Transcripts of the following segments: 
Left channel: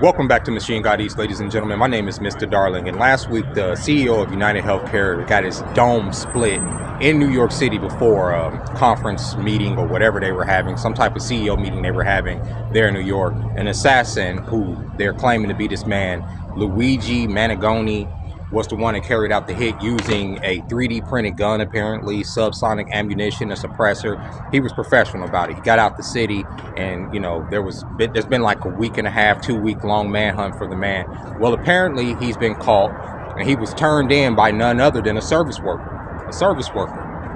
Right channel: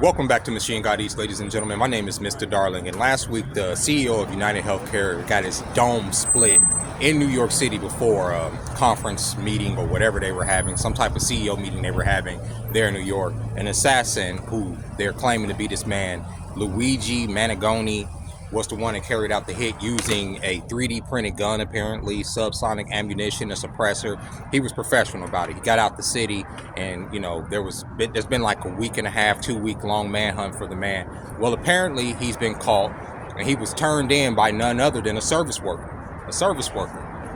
Welcome back to Machine God East, ladies and gentlemen. My name is Mr. Darling, and last week the CEO of United Healthcare got his dome split in New York City before a conference meeting or whatever they were having, some type of CEO meeting they were having there in New York. An assassin who they're claiming to be this man, Luigi Manigoni, was the one that carried out the hit using a 3D printed gun, apparently, subsonic ammunition, a suppressor. He was professional about it. He got out the city, and there's been like a week and a half, 2 week long manhunt for the man. Well, apparently he's been caught, and he was turned in by none other than a service worker,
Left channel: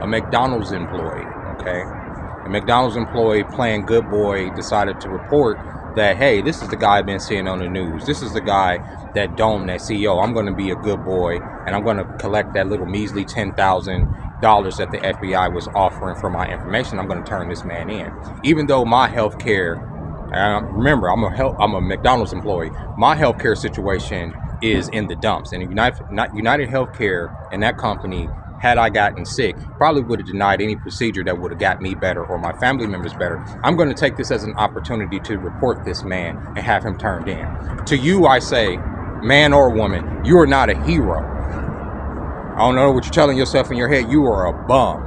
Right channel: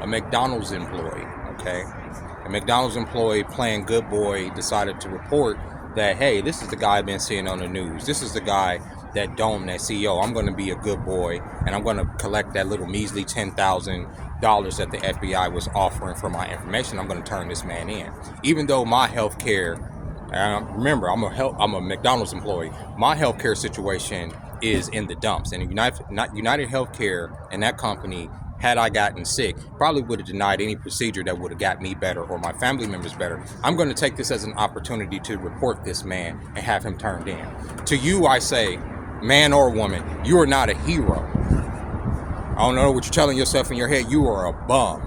a McDonald's employee. Okay, a McDonald's employee playing good boy decided to report that, hey, this is the guy I've been seeing on the news. This is the guy that domed that CEO. I'm going to be a good boy, and I'm going to collect that little measly $10,000 that the FBI was offering for my information. I'm going to turn this man in. Even though my health care, remember, I'm a McDonald's employee, my health care situation is in the dumps. And United Healthcare and that company, had I gotten sick, probably would have denied any procedure that would have got me better or my family members better. I'm going to take this as an opportunity to report this man and have him turned in. To you, I say, man or woman, you are not a hero. I don't know what you're telling yourself in your head. You are a bum.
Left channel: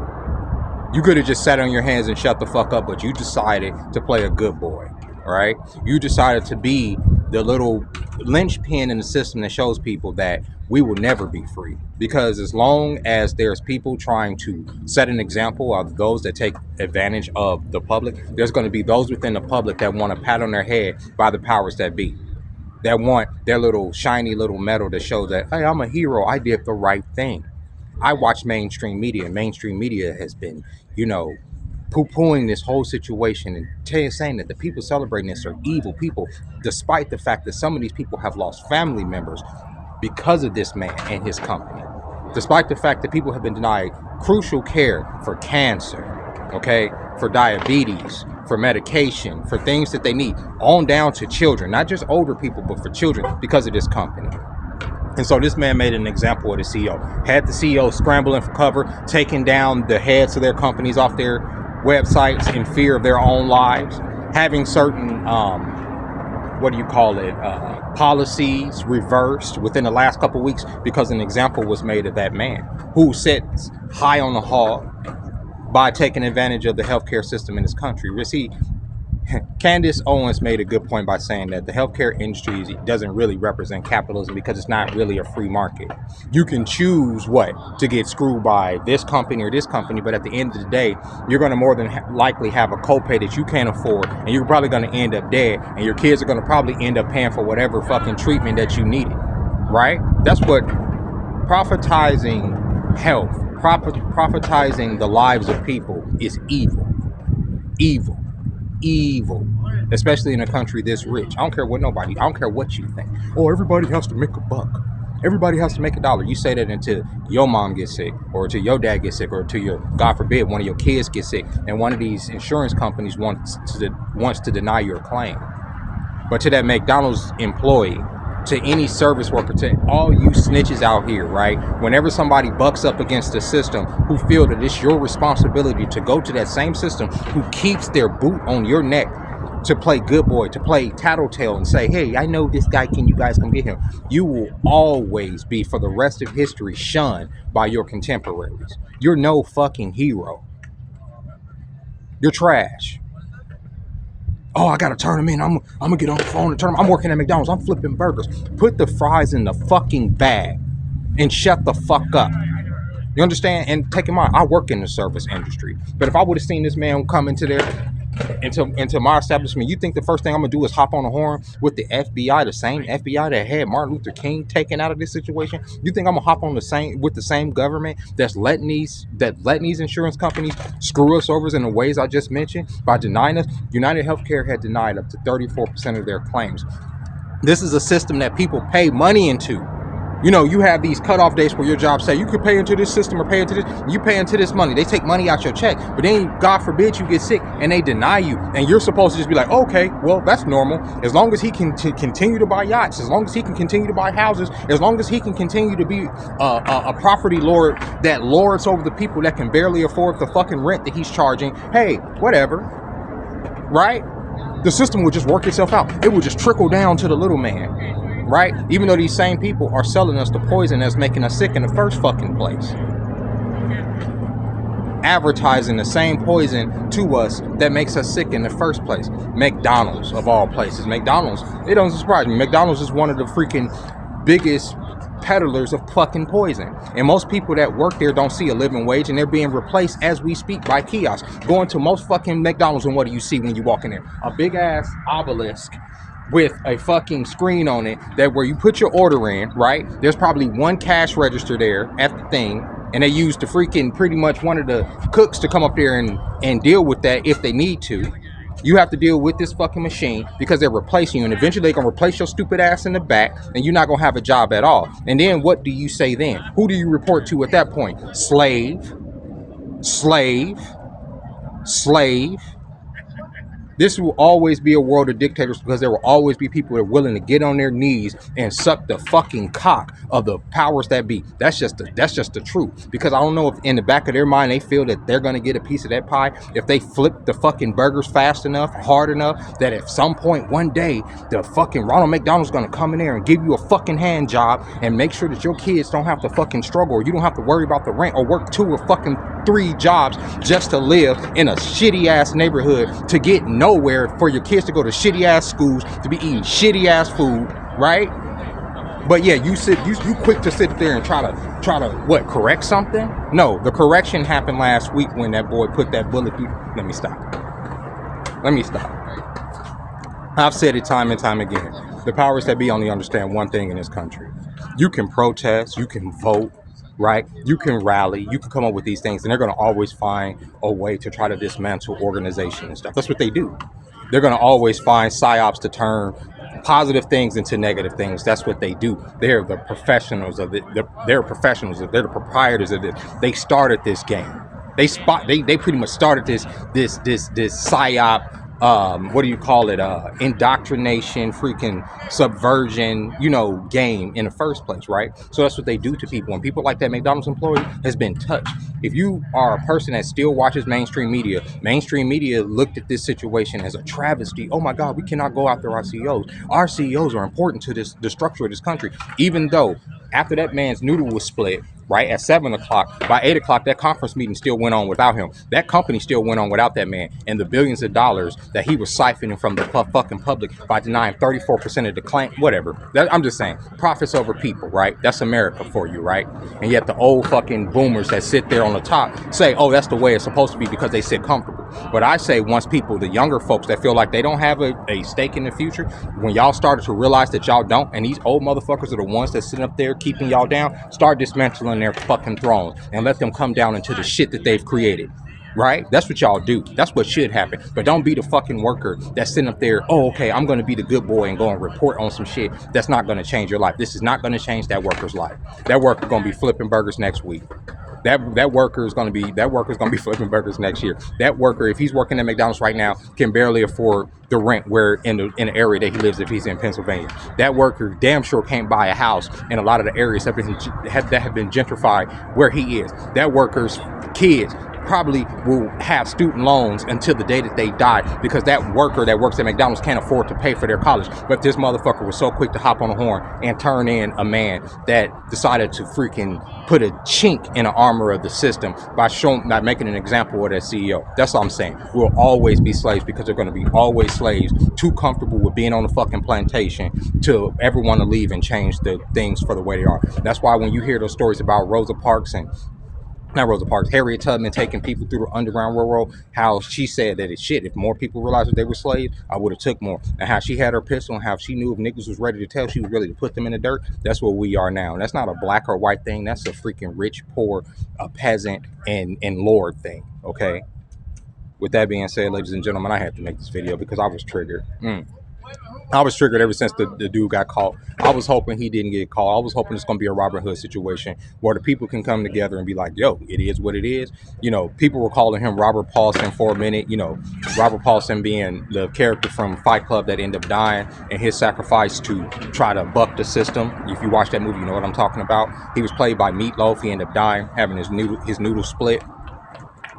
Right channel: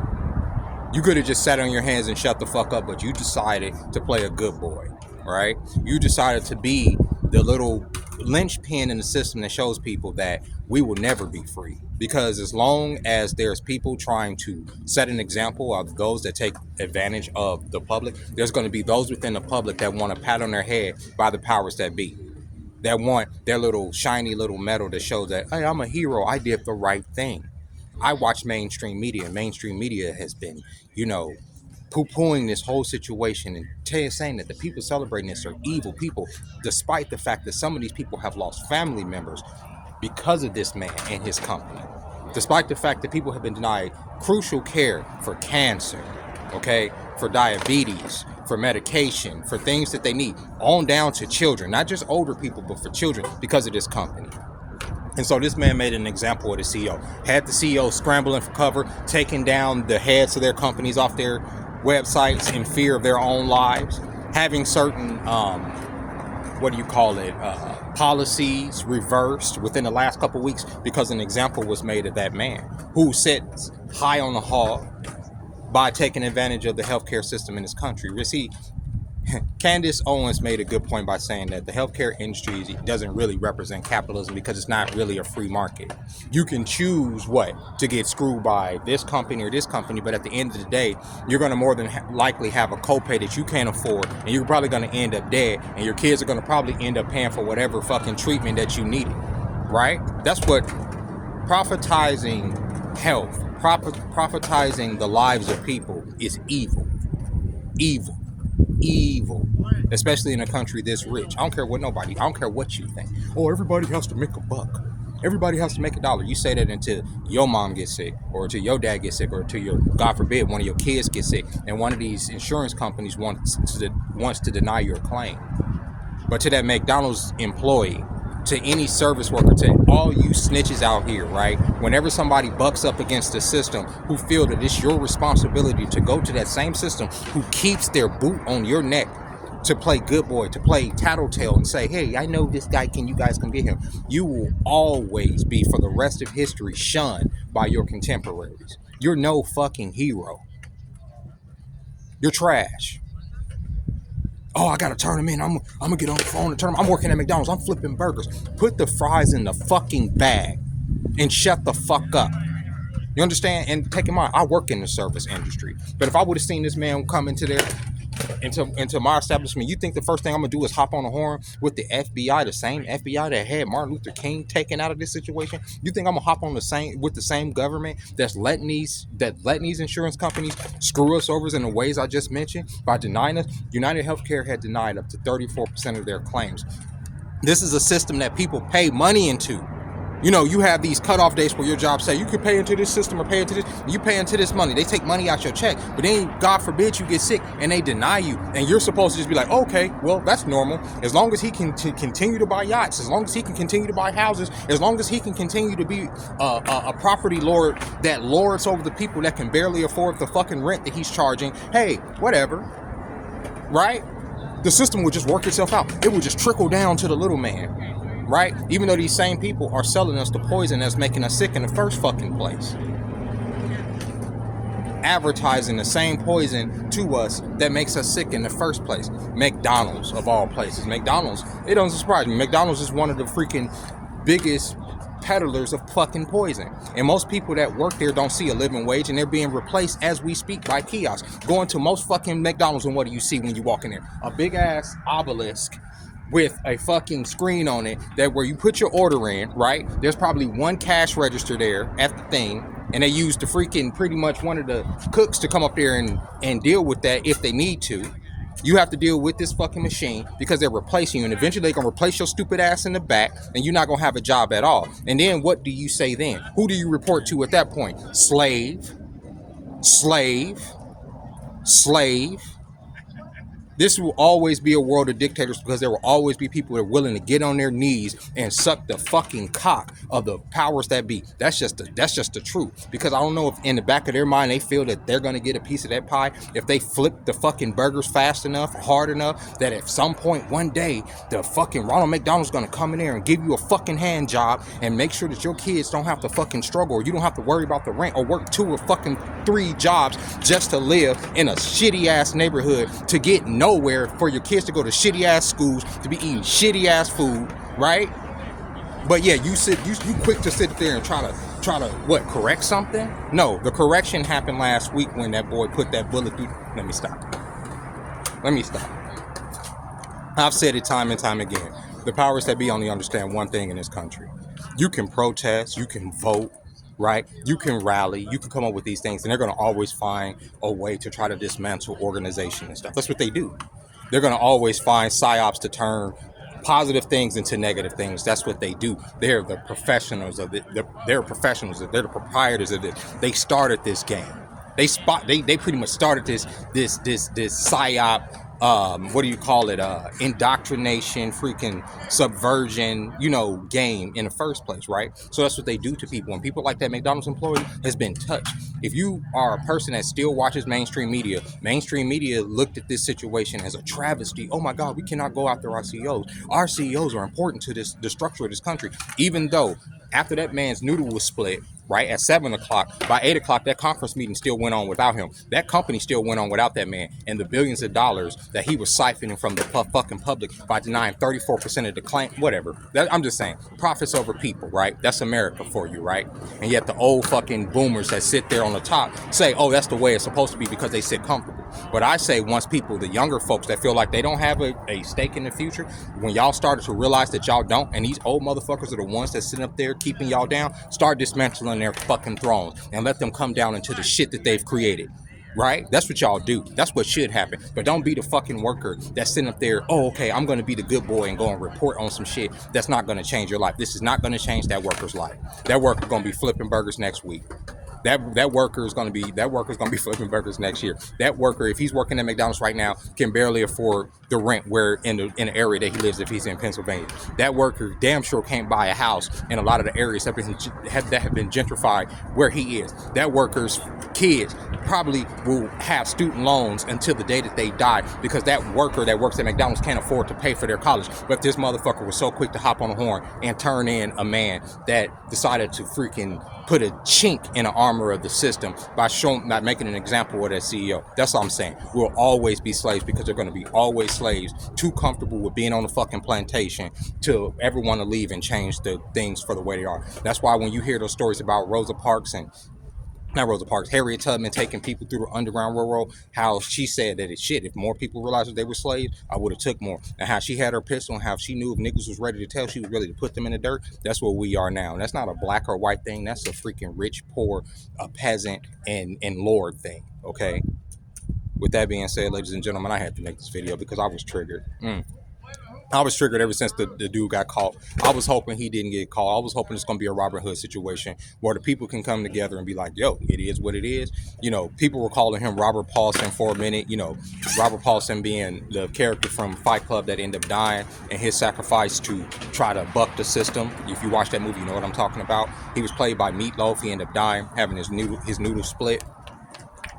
You could have just sat on your hands and shut the fuck up, but you decided to play a good boy, all right? You decided to be the little linchpin in the system that shows people that we will never be free. Because as long as there's people trying to set an example of those that take advantage of the public, there's going to be those within the public that want a pat on their head by the powers that be. That want their little shiny little medal that shows that, hey, I'm a hero. I did the right thing. I watch mainstream media. Mainstream media has been, poo-pooing this whole situation and saying that the people celebrating this are evil people, despite the fact that some of these people have lost family members because of this man and his company. Despite the fact that people have been denied crucial care for cancer, okay, for diabetes, for medication, for things that they need, on down to children, not just older people, but for children because of this company. And so this man made an example of the CEO. Had the CEO scrambling for cover, taking down the heads of their companies off their websites in fear of their own lives, having certain, policies reversed within the last couple of weeks because an example was made of that man who sits high on the hog by taking advantage of the healthcare system in this country. See, Candace Owens made a good point by saying that the healthcare industry doesn't really represent capitalism because it's not really a free market. You can choose to get screwed by this company or this company, but at the end of the day, you're going to more than likely have a copay that you can't afford, and you're probably going to end up dead, and your kids are going to probably end up paying for whatever fucking treatment that you needed, right? That's what profitizing health, profitizing the lives of people is evil. Evil, especially in a country this rich. I don't care what you think. Oh, everybody has to make a buck. Everybody has to make $1. You say that until your mom gets sick, or until your dad gets sick, or until your, God forbid, one of your kids gets sick, and one of these insurance companies wants to deny your claim. But to that McDonald's employee, to any service worker, to all you snitches out here, right? Whenever somebody bucks up against the system, who feel that it's your responsibility to go to that same system who keeps their boot on your neck to play good boy, to play tattletale and say, hey, I know this guy, can you guys come get him? You will always be, for the rest of history, shunned by your contemporaries. You're no fucking hero. You're trash. Oh, I gotta turn them in. I'm gonna get on the phone and turn them. I'm working at McDonald's. I'm flipping burgers. Put the fries in the fucking bag and shut the fuck up. You understand? And take in mind, I work in the service industry. But if I would have seen this man come into my establishment, you think the first thing I'm gonna do is hop on the horn with the FBI, the same FBI that had Martin Luther King taken out of this situation? You think I'm gonna hop on the same government that's letting these insurance companies screw us over in the ways I just mentioned by denying us? United Healthcare had denied up to 34% of their claims. This is a system that people pay money into. You have these cutoff dates where your job say you could pay into this system or pay into this. You pay into this money. They take money out your check. But then, God forbid, you get sick and they deny you. And you're supposed to just be like, okay, well, that's normal. As long as he can continue to buy yachts, as long as he can continue to buy houses, as long as he can continue to be a property lord that lords over the people that can barely afford the fucking rent that he's charging. Hey, whatever. Right? the system would just work itself out. It would just trickle down to the little man, right? Even though these same people are selling us the poison that's making us sick in the first fucking place. Advertising the same poison to us that makes us sick in the first place. McDonald's, of all places. McDonald's, it doesn't surprise me. McDonald's is one of the freaking biggest peddlers of fucking poison. And most people that work there don't see a living wage, and they're being replaced as we speak by kiosks. Going to most fucking McDonald's, and what do you see when you walk in there? A big ass obelisk with a fucking screen on it that where you put your order in, right? There's probably one cash register there at the thing, and they use the freaking pretty much one of the cooks to come up there and deal with that if they need to. You have to deal with this fucking machine because they're replacing you, and eventually they're gonna replace your stupid ass in the back, and you're not gonna have a job at all. And then what do you say then? Who do you report to at that point? Slave, slave, slave. This will always be a world of dictators because there will always be people that are willing to get on their knees and suck the fucking cock of the powers that be. That's just the truth. Because I don't know if in the back of their mind they feel that they're gonna get a piece of that pie if they flip the fucking burgers fast enough, hard enough, that at some point one day the fucking Ronald McDonald's gonna come in there and give you a fucking hand job and make sure that your kids don't have to fucking struggle, or you don't have to worry about the rent or work 2 or fucking 3 jobs just to live in a shitty ass neighborhood to get nowhere, for your kids to go to shitty ass schools, to be eating shitty ass food, right? But yeah, you quick to sit there and try to what, correct something? No, the correction happened last week when that boy put that bullet through. Let me stop. I've said it time and time again. The powers that be only understand one thing in this country. You can protest, you can vote, right? You can rally, you can come up with these things, and they're going to always find a way to try to dismantle organization and stuff. That's what they do. They're going to always find psyops to turn positive things into negative things. That's what they do. They're the professionals of it. They're professionals. They're the proprietors of it. They started this game. They pretty much started this psyop. What do you call it? Indoctrination, freaking subversion, game in the first place, right? So that's what they do to people. And people like that McDonald's employee has been touched. If you are a person that still watches mainstream media looked at this situation as a travesty. Oh my God, we cannot go after our CEOs. Our CEOs are important to the structure of this country. Even though after that man's noodle was split, right, at 7 o'clock, by 8 o'clock, that conference meeting still went on without him. That company still went on without that man. And the billions of dollars that he was siphoning from the fucking public by denying 34% of the claim, whatever. I'm just saying, profits over people, right? That's America for you, right? And yet the old fucking boomers that sit there on the top say, oh, that's the way it's supposed to be because they sit comfortable. But I say once people, the younger folks that feel like they don't have a stake in the future, when y'all started to realize that y'all don't, and these old motherfuckers are the ones that sitting up there keeping y'all down, start dismantling their fucking thrones and let them come down into the shit that they've created. Right? That's what y'all do. That's what should happen. But don't be the fucking worker that's sitting up there, oh, okay, I'm going to be the good boy and go and report on some shit that's not going to change your life. This is not going to change that worker's life. That worker's going to be flipping burgers next week. That worker is going to be flipping burgers next year. That worker, if he's working at McDonald's right now, can barely afford the rent where in the area that he lives if he's in Pennsylvania. That worker damn sure can't buy a house in a lot of the areas that have been gentrified where he is. That worker's kids probably will have student loans until the day that they die because that worker that works at McDonald's can't afford to pay for their college. But this motherfucker was so quick to hop on the horn and turn in a man that decided to freaking put a chink in the armor of the system by making an example of that CEO. That's all I'm saying. We'll always be slaves because they're going to be always slaves, too comfortable with being on the fucking plantation to ever want to leave and change the things for the way they are. That's why when you hear those stories about Harriet Tubman taking people through the Underground Railroad, how she said that if more people realized that they were slaves, I would have took more. And how she had her pistol and how she knew if niggas was ready to tell, she was ready to put them in the dirt. That's what we are now. And that's not a black or white thing. That's a freaking rich, poor, a peasant, and lord thing, okay? With that being said, ladies and gentlemen, I had to make this video because I was triggered. I was triggered ever since the dude got caught. I was hoping he didn't get caught. I was hoping it's going to be a Robin Hood situation where the people can come together and be like, yo, it is what it is. People were calling him Robert Paulson for a minute. Robert Paulson being the character from Fight Club that ended up dying and his sacrifice to try to buck the system. If you watch that movie, you know what I'm talking about. He was played by Meatloaf. He ended up dying, having his noodle split.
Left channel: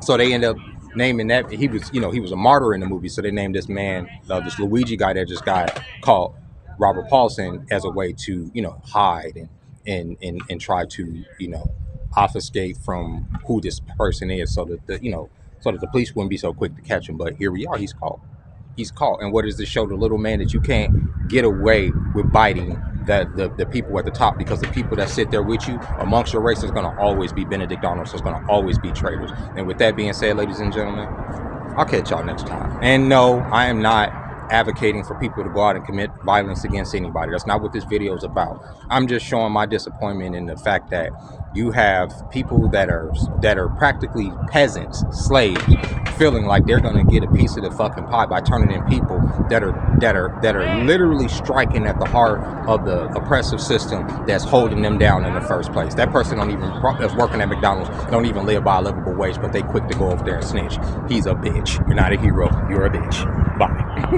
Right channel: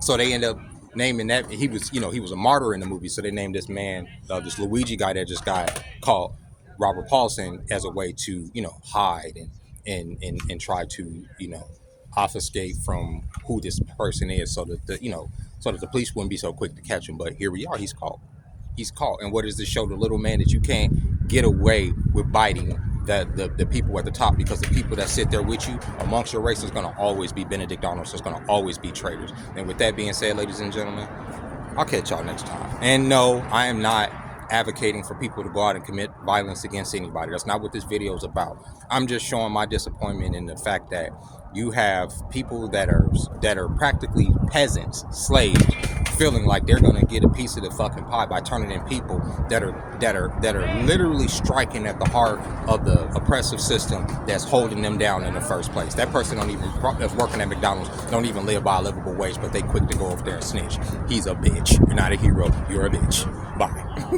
So they end up naming that he was, he was a martyr in the movie, so they named this man, this Luigi guy that just got caught, Robert Paulson, as a way to, hide and try to, obfuscate from who this person is, so that so that the police wouldn't be so quick to catch him. But here we are, he's caught. He's caught. And what does this show the little man? That you can't get away with biting the people at the top, because the people that sit there with you amongst your race is going to always be Benedict Arnold, so it's going to always be traitors. And with that being said, ladies and gentlemen, I'll catch y'all next time. And no, I am not advocating for people to go out and commit violence against anybody. That's not what this video is about. I'm just showing my disappointment in the fact that you have people that are practically peasants, slaves, feeling like they're gonna get a piece of the fucking pie by turning in people that are literally striking at the heart of the oppressive system that's holding them down in the first place. That person that's working at McDonald's don't even live by a livable wage, but they quick to go over there and snitch. He's a bitch. You're not a hero. You're a bitch. Bye.